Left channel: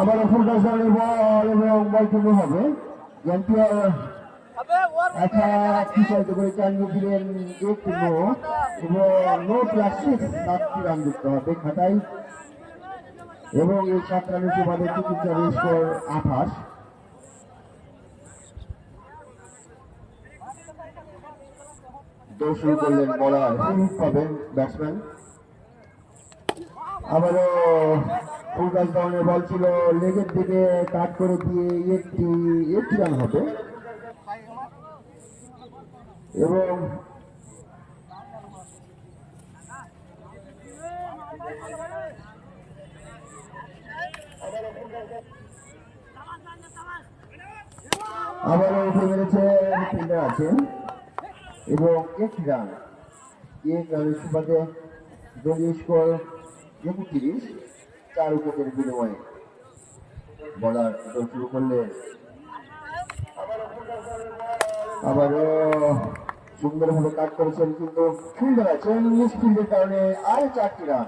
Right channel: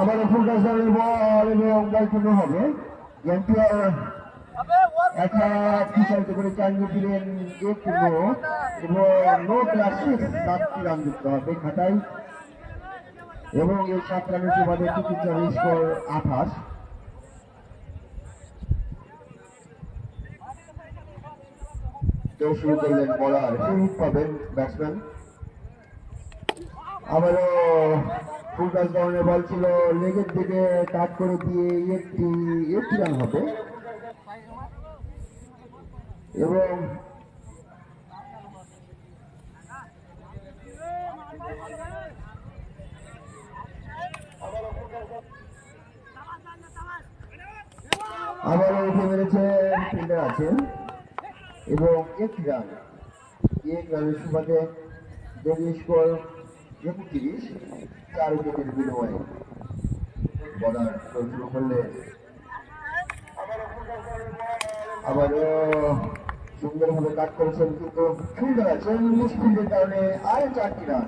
আবার ফুলগাছ বল এবং বল করতে হবে একটা বিষয়তে করে চালিয়ে দিলেন একটু নো এবং নো প্লাস 7টি রান দিতে হবে খাতায় এবং এই 7 রানের সুবাদে চিকিৎসা স্কোর 28। শুরু করলেন বলার সুযোগ পাবেন ব্যাটসম্যান। আবারও ফুলগাছ ডাউনের বল ছিল লেগের দিকে কাট করে দিয়ে একটি রান হবে এবং আবারও উঠে মেরেছে ফিল্ডার আছেন এবং একটি রান এক রানের সুবাদে জঙ্গি স্কোর 29। 4 উইকেটের বিনিময়ে বলার শুরু করলে আবারও সুন্দরভাবে কাট করেছেন কিন্তু ফিল্ডার আছেন মিসফিল্ডের কারণে আরো 4টি রান।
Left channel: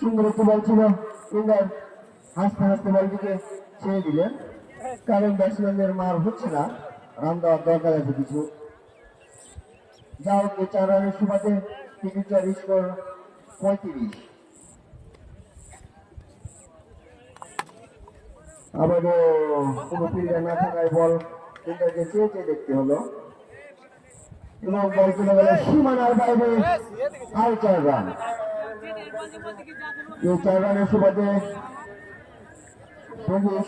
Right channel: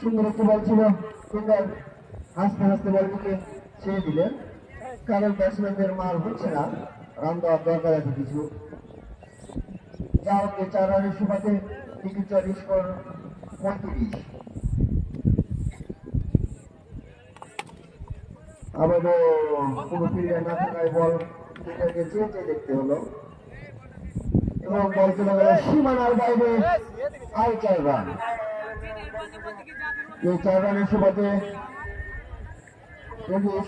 সুন্দর একটু বল ছিল ফিল্ডার হাসতে হাসতে বলটিকে ছেড়ে দিলেন কারণ ব্যাটসম্যানদের মার হচ্ছে না, রান দেওয়ার দরকার আছে কিছু। যা হোক 4 রানের সুবাদে চিকিৎসার স্কোর 35। আবারও কোনো ফিল্ডার না থাকায় বল ফিল্ডারকে চেয়ে চেয়ে দেখতে হলো এবং বল চলে গেল সীমানার বাইরে। আর 4 রান। এই 4 রানের সুবাদে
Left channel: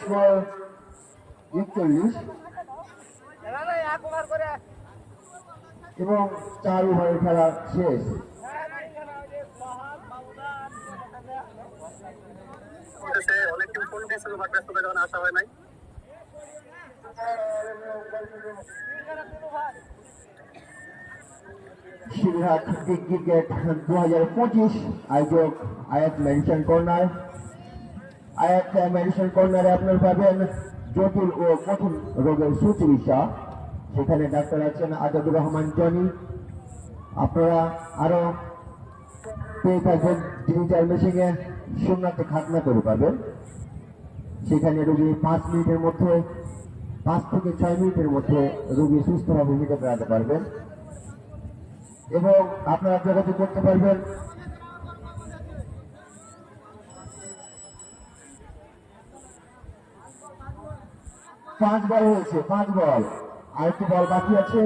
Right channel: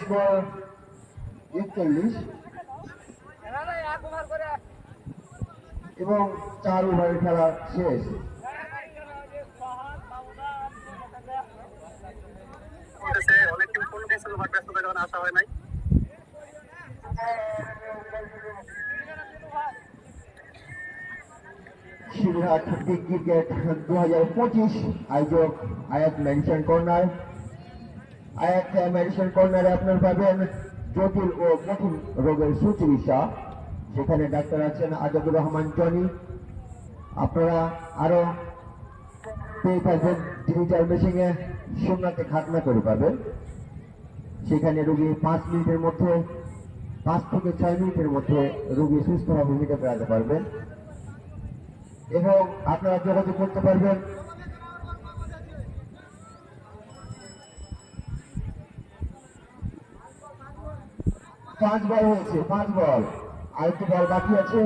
স্কোর 41 এবং 4 ওভারের খেলা শেষ। সিংহাট বিগ ক্রিকেট 2025 আয়োজক আয়াত মেডিসিন কর্নার। আয়াত মেডিসিন কর্নারে আপনার পাবেন জটিল ও কঠিন রোগের সুচিকিৎসা, সেখানে ডাক্তার আছেন আজাদুর রহমান জনি। আপনারা আরো পেয়ে থাকবেন ডিজিটাল মেশিনে শূন্যতে খাতনা করে পাবেন। সেখানে রোগী 5 মিনিটের মধ্যে 5 থেকে 6 মিনিটের মধ্যে রোগী সুস্থভাবে মিটে বেড়াতে পারবেন এবং আপনারা যোগাযোগ করতে পারবেন 5 বল হয়েছে, 5 বল, আরেকটি বল বাকি আছে।